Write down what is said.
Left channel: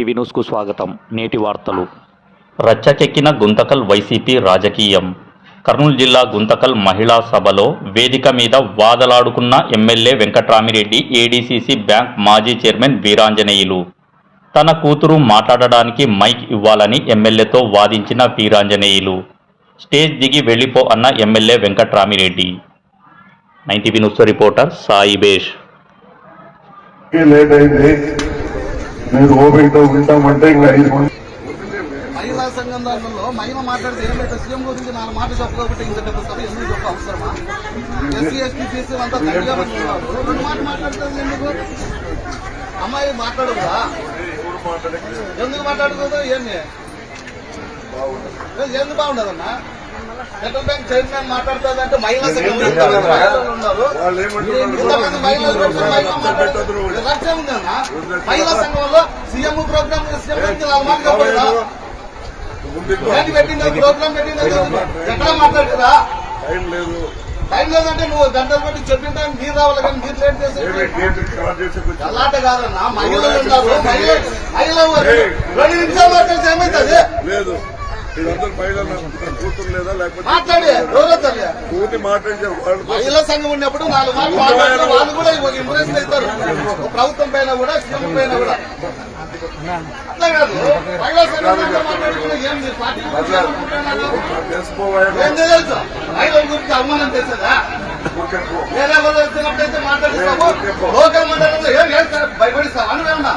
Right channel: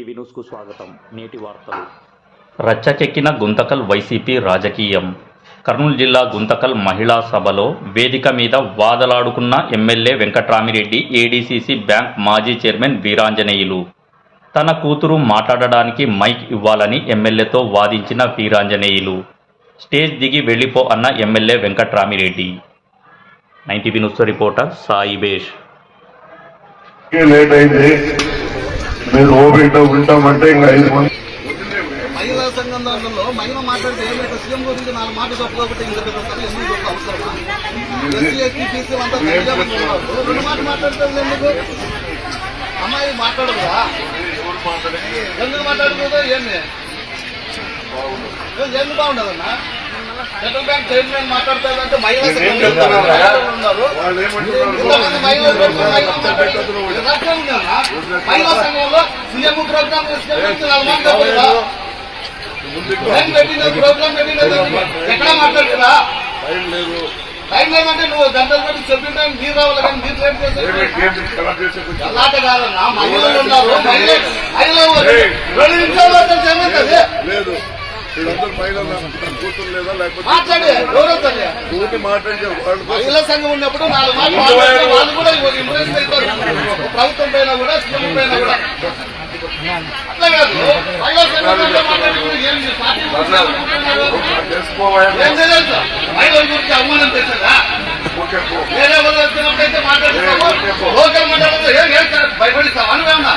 ETV న్యూస్కు స్వాగతం. నేటి వార్తలు. రచ్చకెక్కిన గుంతకల్ వైసీపీ రాజకీయం. కర్నూలు జిల్లా గుంతకల్ మహిళా సభలో వేదిక మీద వాదలాడుకున్న ఎమ్మెల్యే వెంకట్రామిరెడ్డి, ఏడీసీసీ బ్యాంక్ మాజీ చైర్మన్ వీరాంజనేయులు. తన కూతురు మాట్లాడడానికి మైక్ ఇవ్వాలని ఎమ్మెల్యేతో వాదించిన వీరాంజనేయులు. స్టేజ్ దిగి వెళ్లిపో అన్న MLA Venkatramireddy. 9 news reporter Saibesh. Late అయింది, మీరు ఓపికతో ఉంటామంటే ఇంకా 5 మంది మహిళా సంఘం దాంట్లో మహిళ మాట్లాడితే ఏమైతే సీఎం గురించి 4 మాటలు చెప్పకపోతే ఇంకా చెప్తారు. ఎందుకు చెప్ప అవసరమా? ఎస్సీ ఎస్టీ బీసీ అంతా తల్లిగా మంది ఉన్నారు, 2 మాటలు మాట్లాడితే ఎందుకు? అమ్మాయి మాట్లాడదురా, ఎందుకు మాట్లాడుతుందో ఏంది ఎందుకు బాగుండదన్నా? సెంట్రల్ బ్యాంక్ చైర్మన్ మాట్లాడుతుందంటే మహిళా సంఘం ఉన్నారు, ఇంతమంది మహిళా సంఘంలో సీఎం ప్రోగ్రామ్ 4 మాటలు చెప్పలేదా? ప్రోగ్రామ్ పెట్టినది ఎక్కడా మాట్లాడుతురా? టైం లేదంటే నువ్వు గంటలు పెట్టి చెప్పిన టైం మీరు రావాలి, కానీ మీరు లేట్ చేసే అలాంటి కాదన్నా. మహిళలు ఉన్నారు, మహిళలు 2 నిమిషాలు ఏమవుతుంది? మాట్లాడే ఎవరవుతుంది? మహిళా సంఘం ఉన్నప్పుడు 4 మాటలు మాట్లాడితే వాళ్ళు కూడా ఇంప్రెస్ అవుతారు, ప్రభుత్వం పైన కూడా సీఎం పైన కూడా. అట్లా కాదు, మహిళా సంఘంలో మాట్లాడుతున్నారు. ఏం తెలియదు మహిళల గురించి అవమానం చేశారా? వేరే వాళ్ళు వచ్చినప్పుడైతే మాట్లాడుతాము, లోకల్ మాట్లాడుతూ ఏం భయపడిస్తాం అని ఏమన్నా?